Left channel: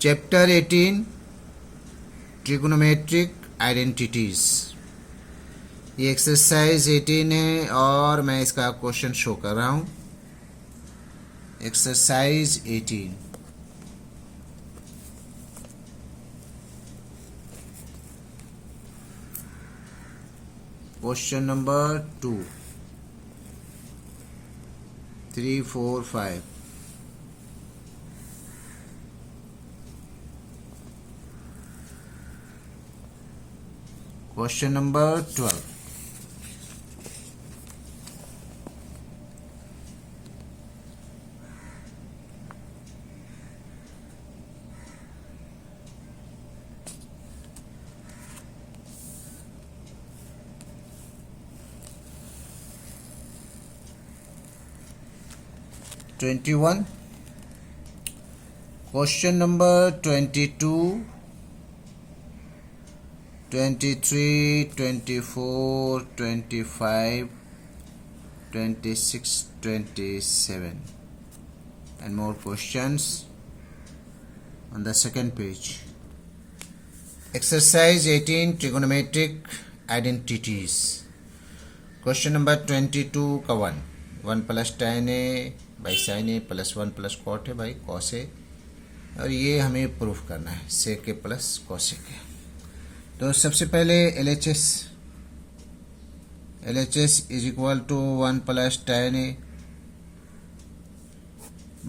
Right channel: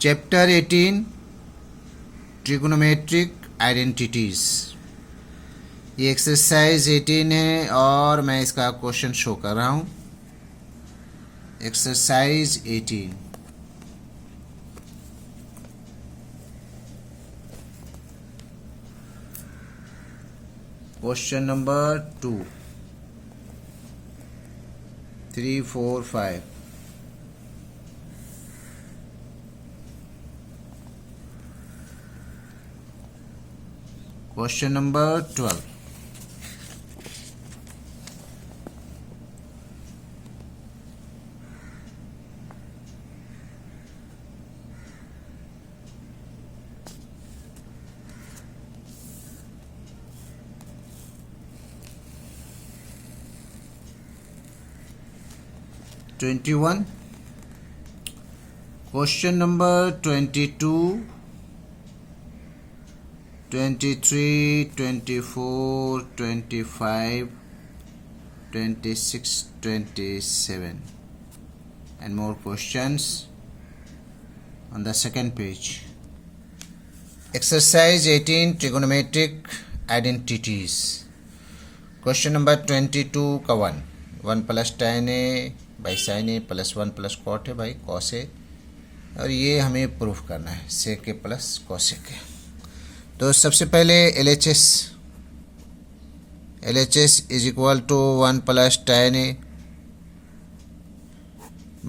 Chapter 18 trigonometric identities. ये exercise 18 है और मैं इसका क्वेश्चन शो कर रहा हूं। Exercise 18 question number 2 3 4 5। Question number 12. Question number 22, 23, 24, 25, 26, 27 and more questions on the second page. Exercise 18 trigonometric identities. Question number 22 का 1 plus tan a by sin a plus 1 plus cot a by cos a, और ये हमें proof करना है sec a plus cos a के। तो सबसे पहले LHS is equal to 1 plus tan a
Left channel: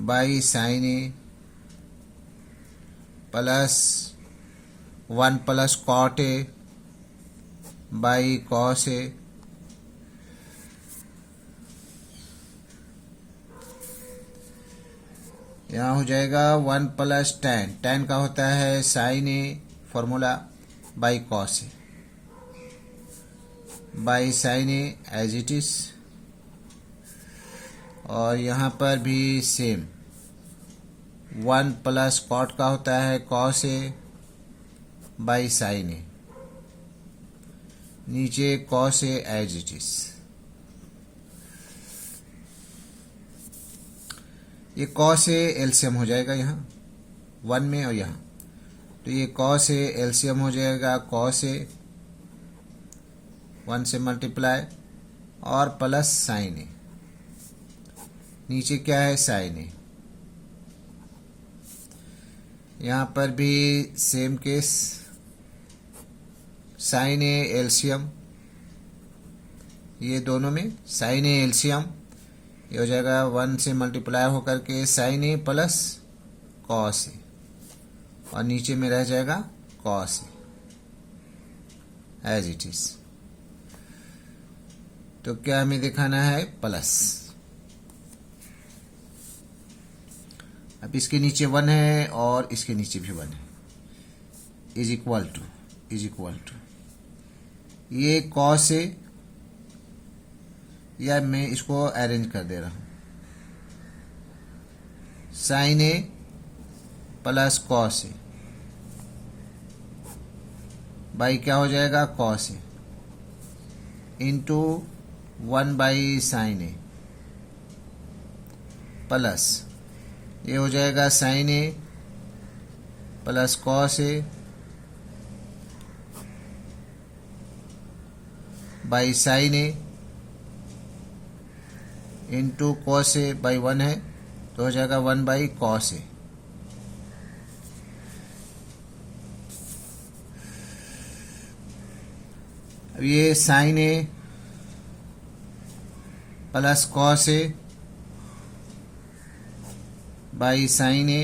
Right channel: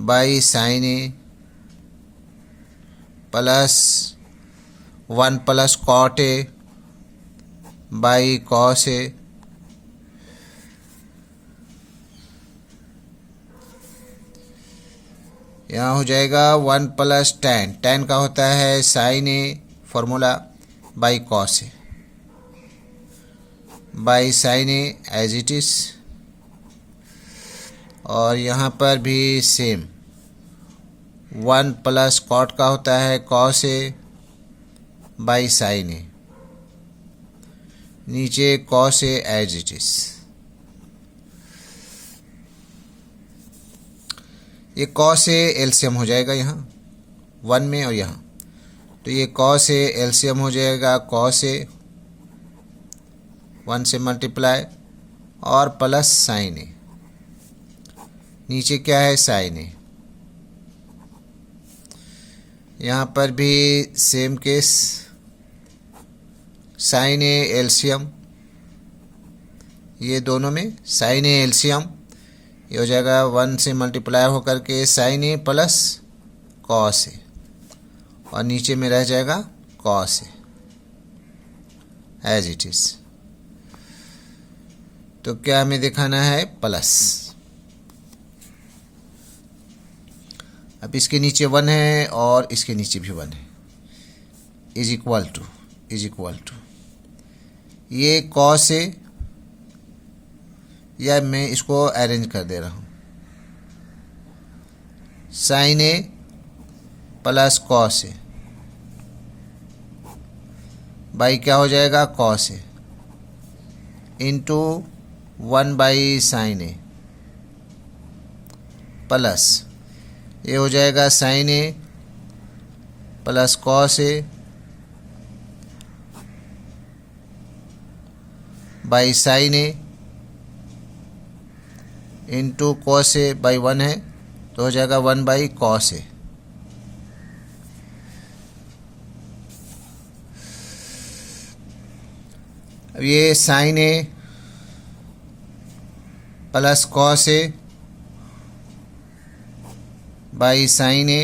by sin a plus 1 plus cot a by cos a। यहाँ हो जाएगा 1 प्लस tan का होता है sin a formula by cos A by sine A as it is, और यहाँ पर भी सेम 1 प्लस कॉट का होता है cos A by sine A, नीचे cos A as it is. ये कॉस ए एलसीएम हो जाएगा यहाँ 1 में और यहाँ, तो ये कॉस ए एलसीएम हो जाएगा कॉस ए 1 से मल्टीप्लाई और प्लस साइन ए, नीचे क्या है साइन ए। यहाँ पर भी same case sine A LCM, ये दोनों में साइन ए एलसीएम, ये हो जाएगा 1 से मल्टीप्लाई होकर के sign A plus cos A, और नीचे में रह जाएगा कॉस एज इट इज। तो क्या हमें दिखाना है प्लस। अब इसके नीचे 1 है और इसके नीचे भी 1 है, इज इक्वल टू ये कॉस ए, या मैं इसको अरेंज कर दे रहा हूँ sine A plus cos A by क्या हो जाएगा cos A into 1 by sine A plus ये हो जाएगा sine A plus cos A by sine A into cos A by 1 है, तो हो जाएगा 1 बाई कॉस ए। अब ये sine A plus cos A by sine A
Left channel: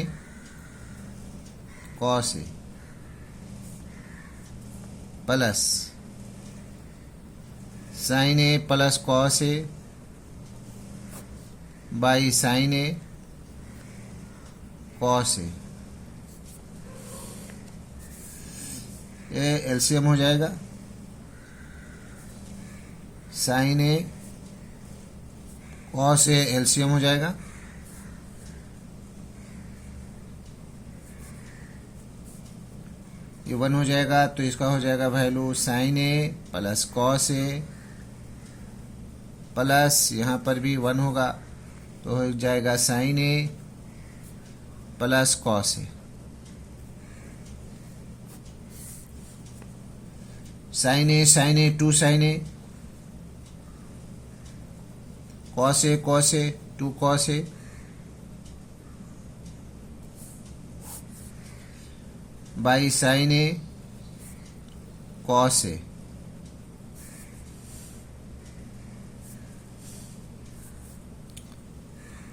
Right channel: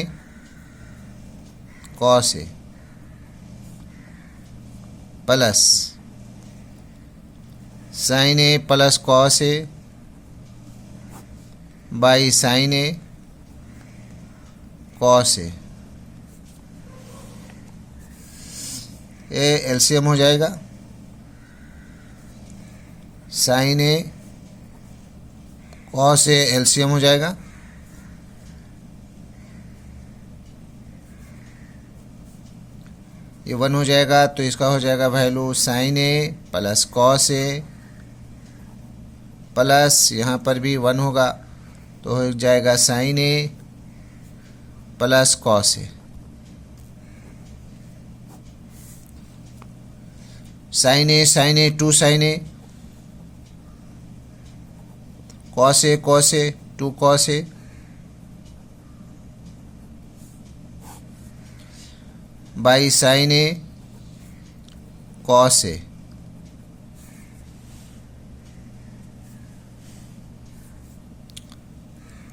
cos A plus sine A plus cos A by sine A cos A, ये LCM हो जाएगा sine A cos A LCM हो जाएगा, ये 1 हो जाएगा, तो इसका हो जाएगा value sine A plus cos A plus यहाँ पर भी 1 होगा, तो हो जाएगा sine A plus cos A. Sine A to sine A, cos A to cos A, by sine A cos A,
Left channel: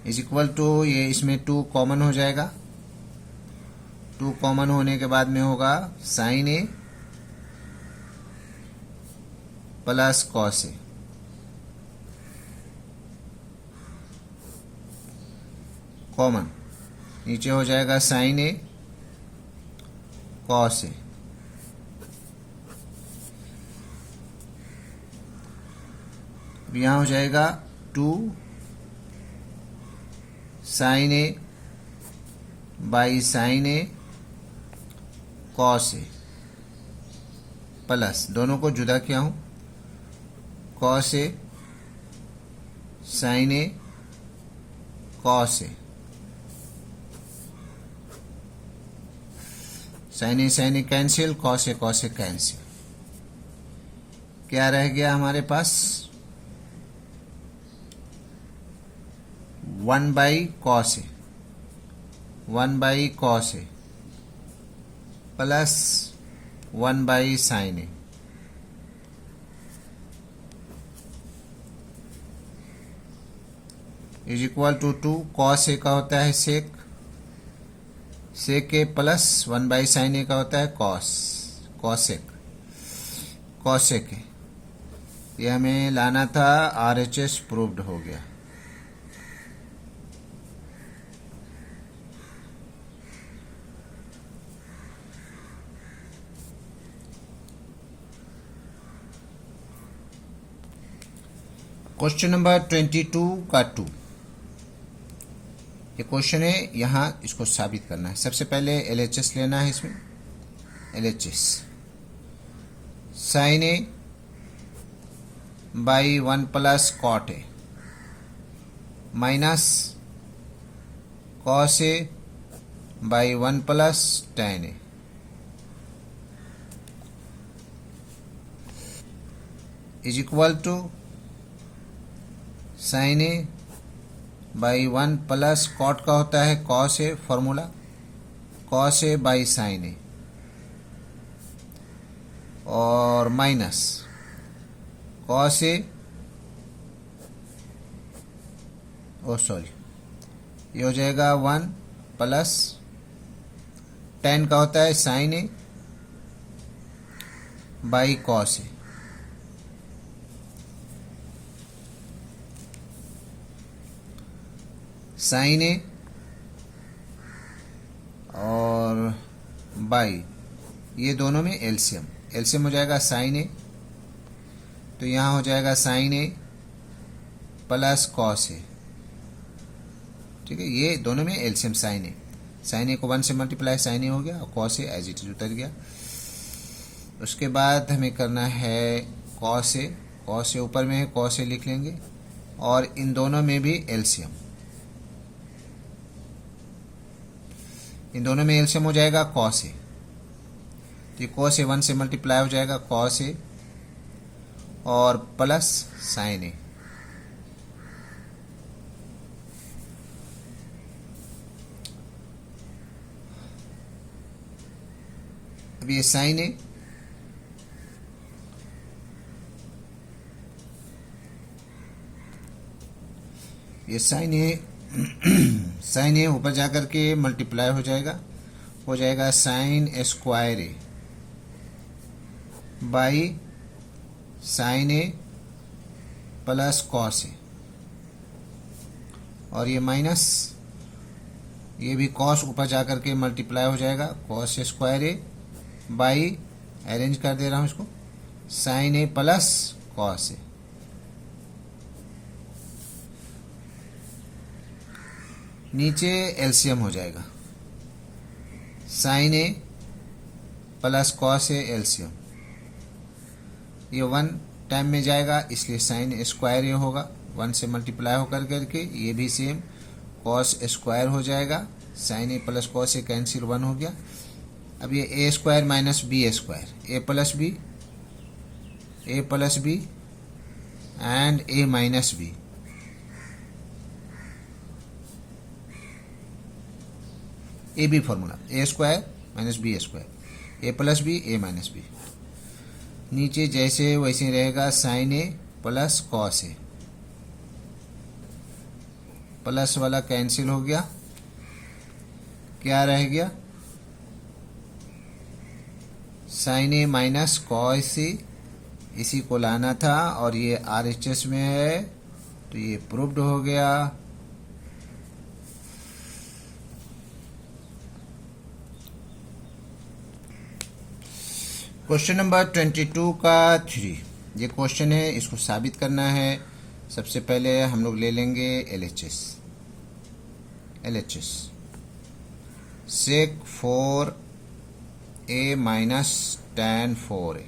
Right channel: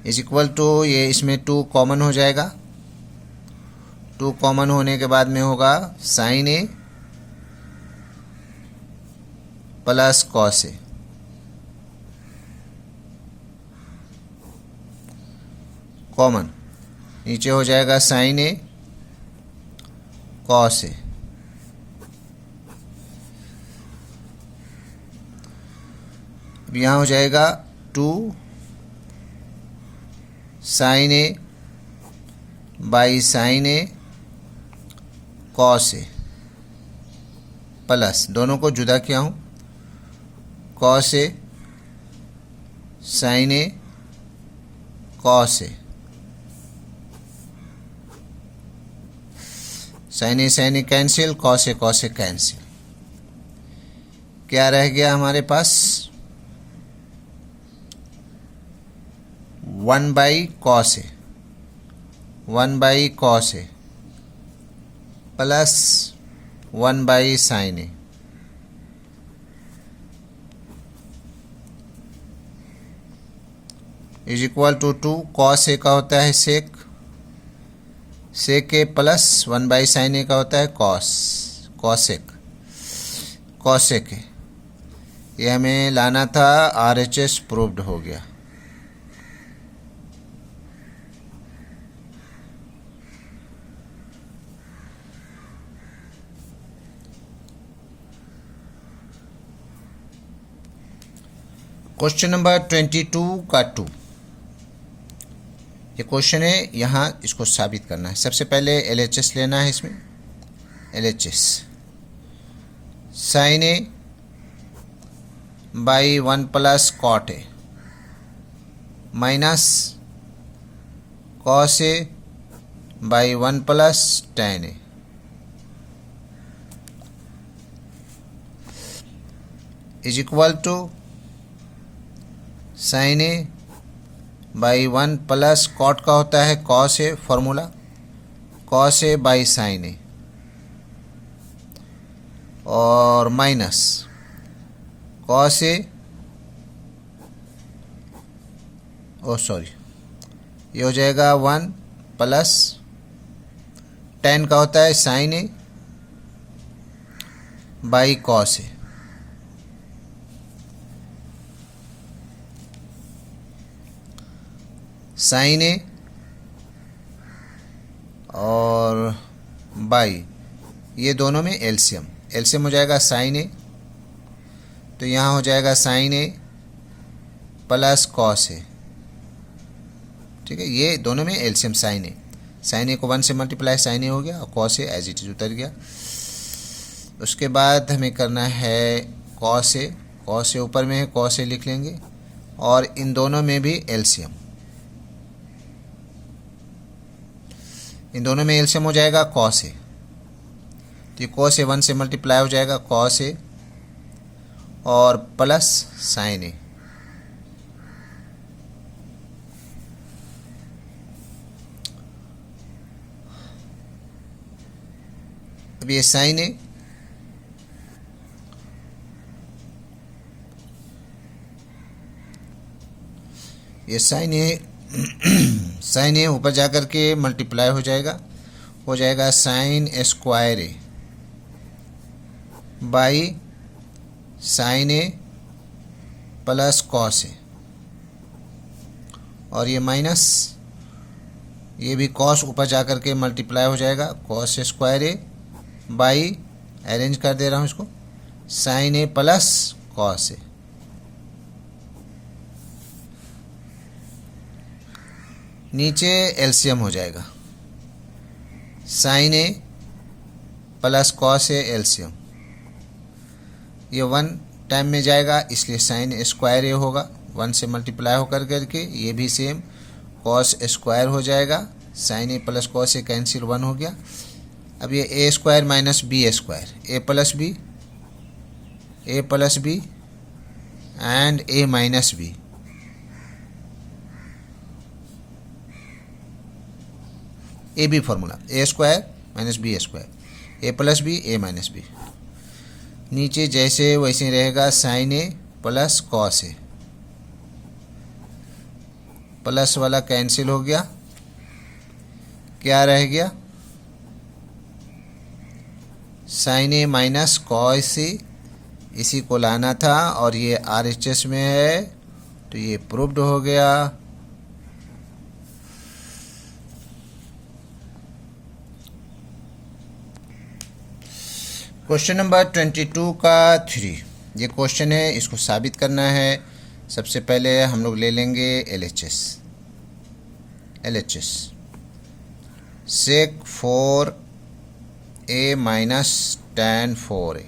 is equal to, ये इसमें टू कॉमन हो जाएगा, टू कॉमन होने के बाद में होगा sign A plus cos A, common नीचे हो जाएगा साइन ए कॉस ए, अब यहाँ हो जाएगा two sine A by sine A cos A, plus दोनों को जुदा किया हूँ, cos A sine A cos A, sine A cancel, cos A cancel, क्या रह गया हमारे पास, 1 by cos A, 1 by cos A plus 1 by sine A, is equal to 2 cos A का होता है sec, sec A plus 1 by sine A का होता है कॉसेक ए, ये हमें लाना था, RHS प्रूव्ड हो गया। क्वेश्चन नंबर 22 का 2, ये क्वेश्चन है, यहाँ इसको साबित करना है। सबसे पहले LHS लेना है, इसमें LHS sine A by 1 plus cot A minus cos A by 1 plus tan A, is equal to sine A by 1 plus cot का होता है cos A, formula cos A by sine A, और minus cos A, oh sorry, ये हो जाएगा 1 plus tan का होता है sine A by cos A, sine A और बाई, ये दोनों में एलसीएम हो जाएगा साइन ए, तो यहाँ हो जाएगा साइन ए प्लस कॉस ए, ठीक है, ये दोनों में एलसीएम साइन ए को 1 से मल्टीप्लाई साइन ए हो गया, और cos A as it is उतर गया। उसके बाद हमें करना है कॉस ए ऊपर में है, कॉस ए लिख लेंगे, और इन दोनों में भी एलसीएम, इन दोनों में एलसीएम हो जाएगा कॉस ए, तो ये कॉस ए 1 से मल्टीप्लाई हो जाएगा कॉस ए और प्लस साइन ए, अब ये साइन ए साइन ए ऊपर जाकर के मल्टीप्लाई हो जाएगा sine square A by sine A plus cos A, और ये माइनस, ये भी कॉस ऊपर जाकर के मल्टीप्लाई हो जाएगा cos square A by, arrange कर दे रहा हूँ इसको, sine A plus cos A, नीचे एलसीएम हो जाएगा sine A plus cos A LCM, ये 1 टाइम में जाएगा इसलिए साइन स्क्वायर ए होगा, 1 से मल्टीप्लाई होकर करके, ये भी सेम कॉस स्क्वायर हो जाएगा, sine A plus cos A cancel 1 हो गया। अब ये A square minus B square, A plus B A plus B and A minus B. A B formula A square minus B square, A plus B A minus B. नीचे जैसे वैसे रहेगा, sine A plus cos A, plus वाला cancel हो गया, क्या रह गया, sine A minus cos A. इसी को लाना था और ये RHS में है तो ये प्रूव्ड हो गया। क्वेश्चन नंबर 22 का 3 ये क्वेश्चन है, इसको साबित करना है। सबसे पहले हम लोग ले लेंगे LHS। sec 4a minus tan 4a,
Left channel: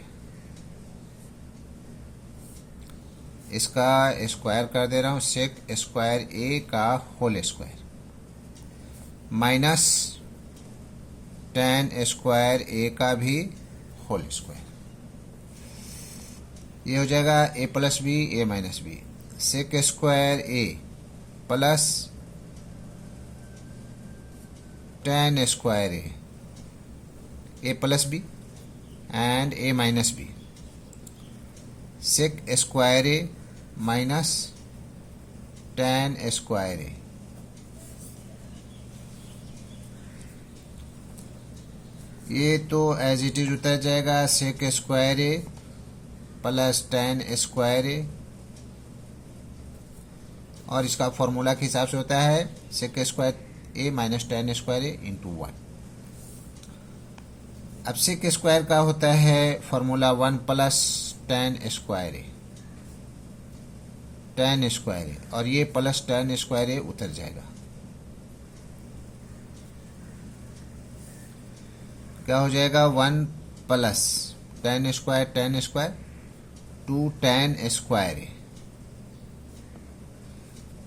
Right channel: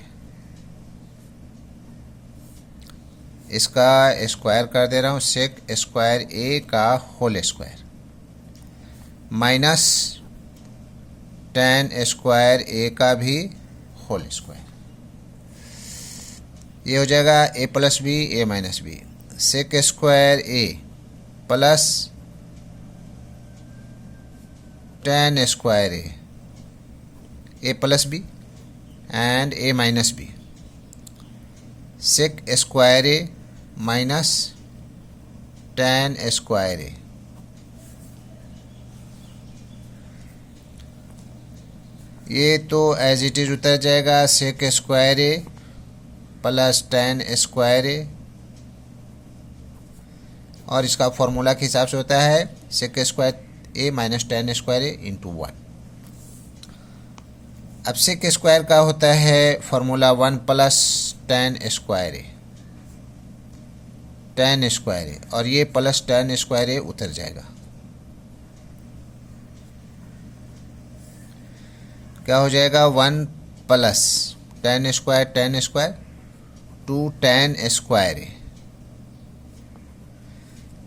इसका स्क्वायर कर दे रहा हूँ, सेक स्क्वायर a का whole square minus tan square a का भी होल स्क्वायर। ये हो जाएगा a plus B A minus B, sec square a plus tan square a plus B and a minus B, sec square a minus tan square a। ये तो as it is उतर जाएगा, sec square a plus tan square a, और इसका formula के हिसाब से होता है सेक square a minus tan square a into 1। अब सेक स्क्वायर का होता है formula 1 plus tan square a, tan square a, और ये प्लस tan स्क्वायर a उतर जाएगा। क्या हो जाएगा, 1 plus tan square 2 tan square a,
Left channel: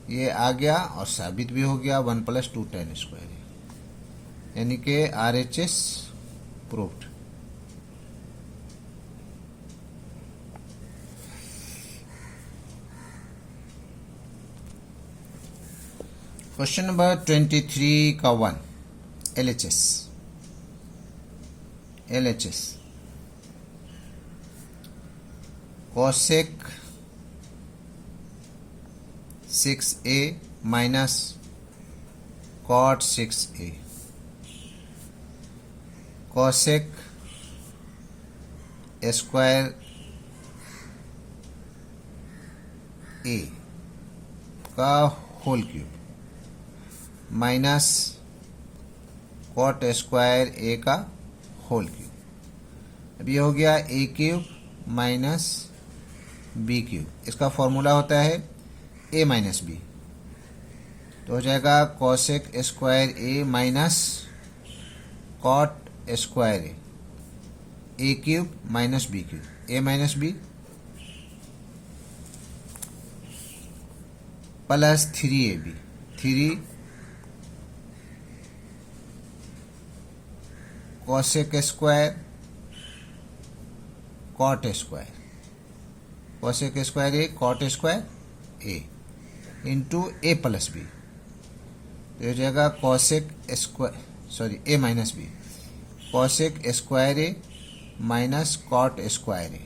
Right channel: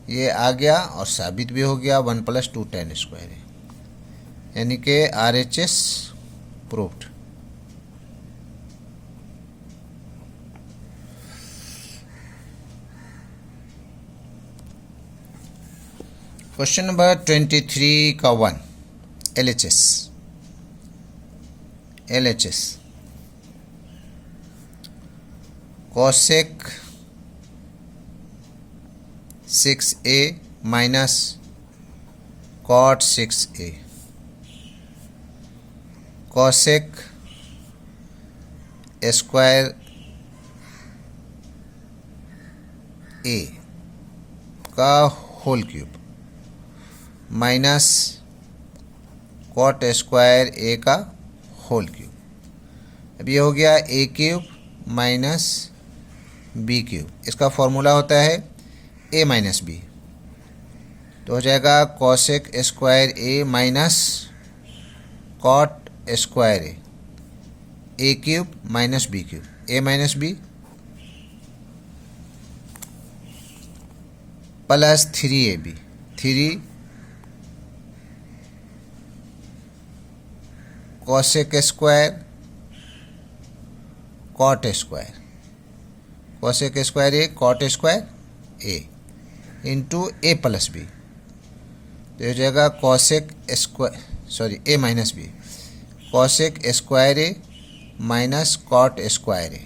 ये आ गया और साबित भी हो गया 1 प्लस 2 tan स्क्वायर a, यानी कि RHS प्रूव्ड। क्वेश्चन नंबर 23 का 1 LHS cosec 6a minus cot 6a, cosec square a का whole cube minus cot square a का होल क्यूब। अब ये हो गया a cube minus b cube, इसका फॉर्मूला होता है a माइनस b, तो हो जाएगा cosec square a minus cot square a cube minus b cube, a minus b plus 3ab, 3 cosec square cot square, cosec square a cot square a into a plus B, तो हो जाएगा cosec square a minus B, cosec square a minus cot square a।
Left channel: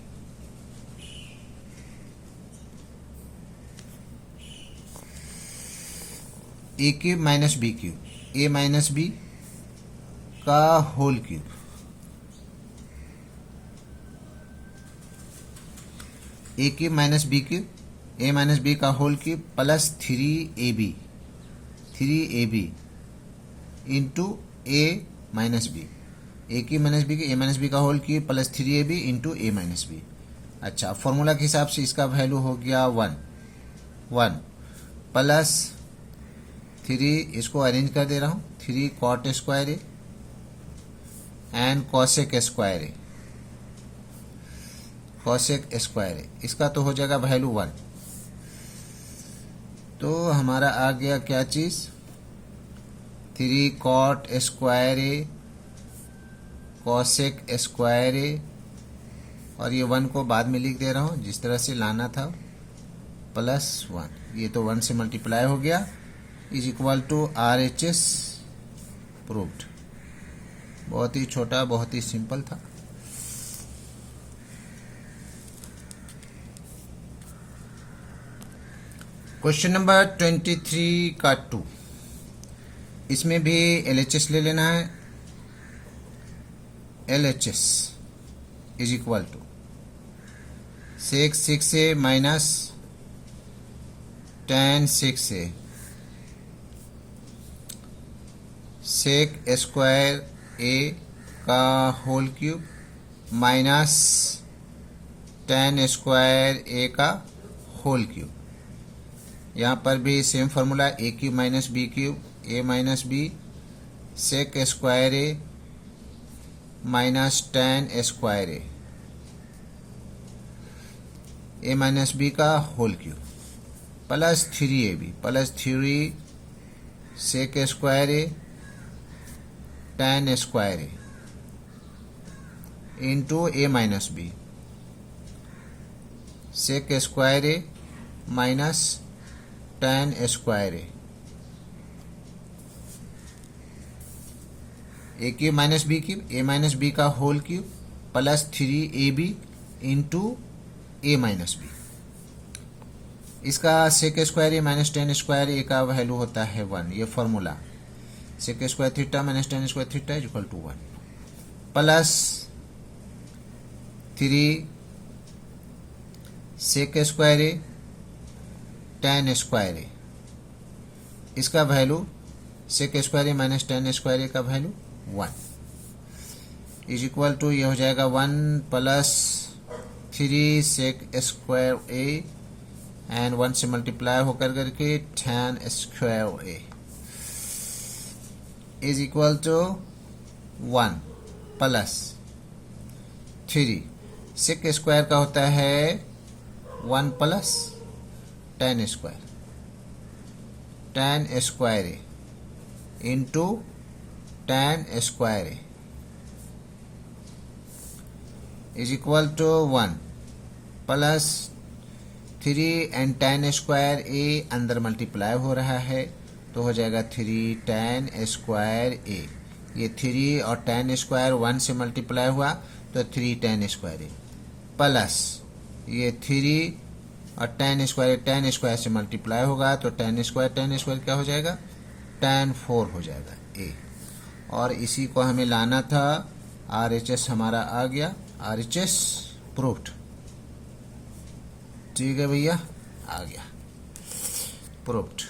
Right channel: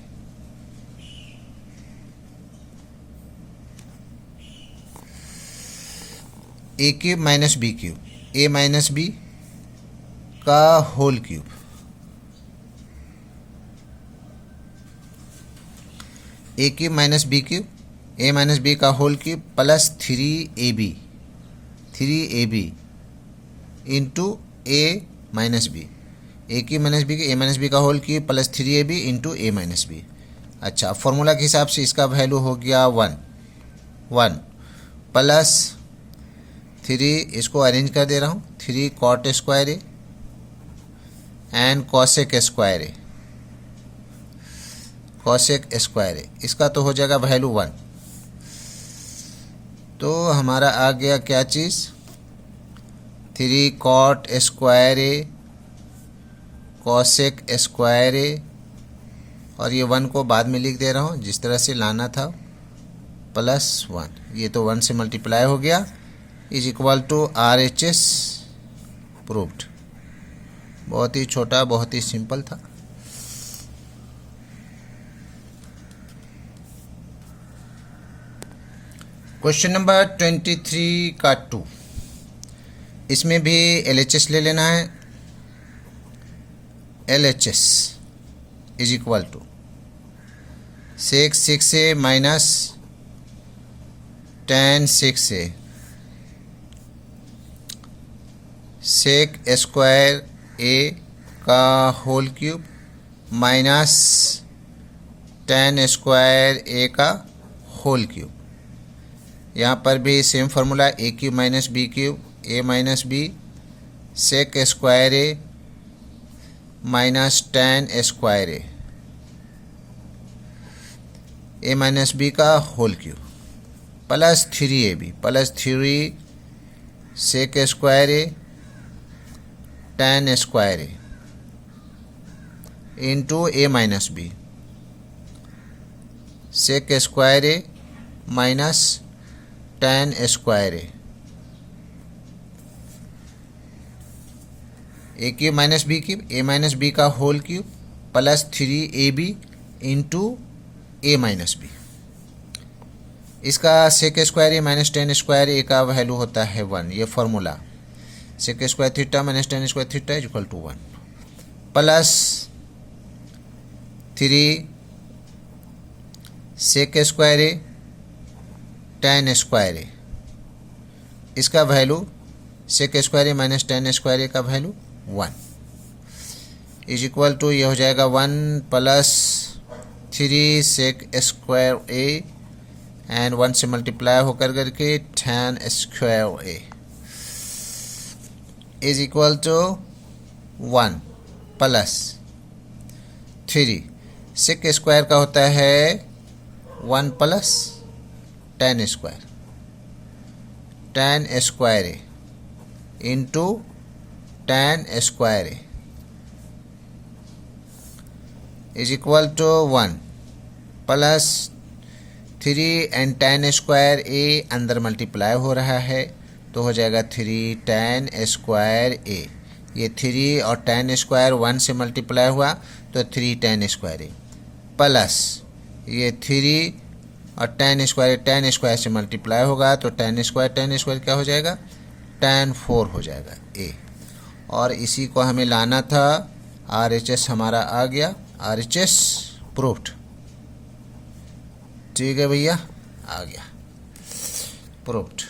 a cube minus B cube, a minus B का whole cube, a cube minus B cube, a minus B का whole cube plus 3ab into a minus B, a cube minus B a minus B का whole cube plus 3ab into a minus B. अच्छा, formula के हिसाब से इसका value हो गया 1 plus 3, इसको अरेंज कर दे रहा हूँ, 3 cot square a and cosec square a, cosec square a, इसका तो हो जाएगा वैल्यू 1। तो हमारा आ गया क्या चीज़, 3 cot square a cosec square a और ये 1 को बाद में लिख दे रहा हूँ जिस तरह से लाना था, +1, ये तो 1 से मल्टीप्लाई हो गया, is equal to RHS proved. बहुत ही छोटा, बहुत ही सिंपल था। क्वेश्चन नंबर 23 का 2, इसमें भी LHS ले लेना है। LHS is equal to sec 6a minus tan 6a sec square a का whole cube minus tan square a का होल क्यूब। यहाँ पर भी same formula, A cube minus B cube, A minus B sec square A minus tan square A minus B का whole cube plus 3ab plus 3 sec square A tan square A into A minus B sec square A minus tan square A cube minus B cube, A minus B का whole cube plus 3ab into A minus B. इसका sec square A minus tan square A का value होता है 1। ये formula sec square theta minus tan square theta is equal to 1 plus 3 sec square A tan square A, इसका value sec square A minus tan square A का value 1 is equal to, ये हो जाएगा 1 plus 3 sec square A and 1 से multiply होकर करके tan square A is equal to 1 plus 3 sec square का होता है 1 plus tan square A into tan square A is equal to 1 plus 3 and tan square A अंदर multiply हो रहा है तो हो जाएगा 3 टैन स्क्वायर ए। ये 3 और टैन स्क्वायर 1 से मल्टीप्लाई हुआ तो 3 टैन स्क्वायर ए प्लस ये 3 और टैन स्क्वायर से मल्टीप्लाई होगा तो टैन स्क्वायर क्या हो जाएगा, टैन 4 हो जाएगा ए। और इसी को हमें लाना था, RHS हमारा आ गया, RHS प्रूव्ड। ठीक है भैया, आ गया प्रूव्ड।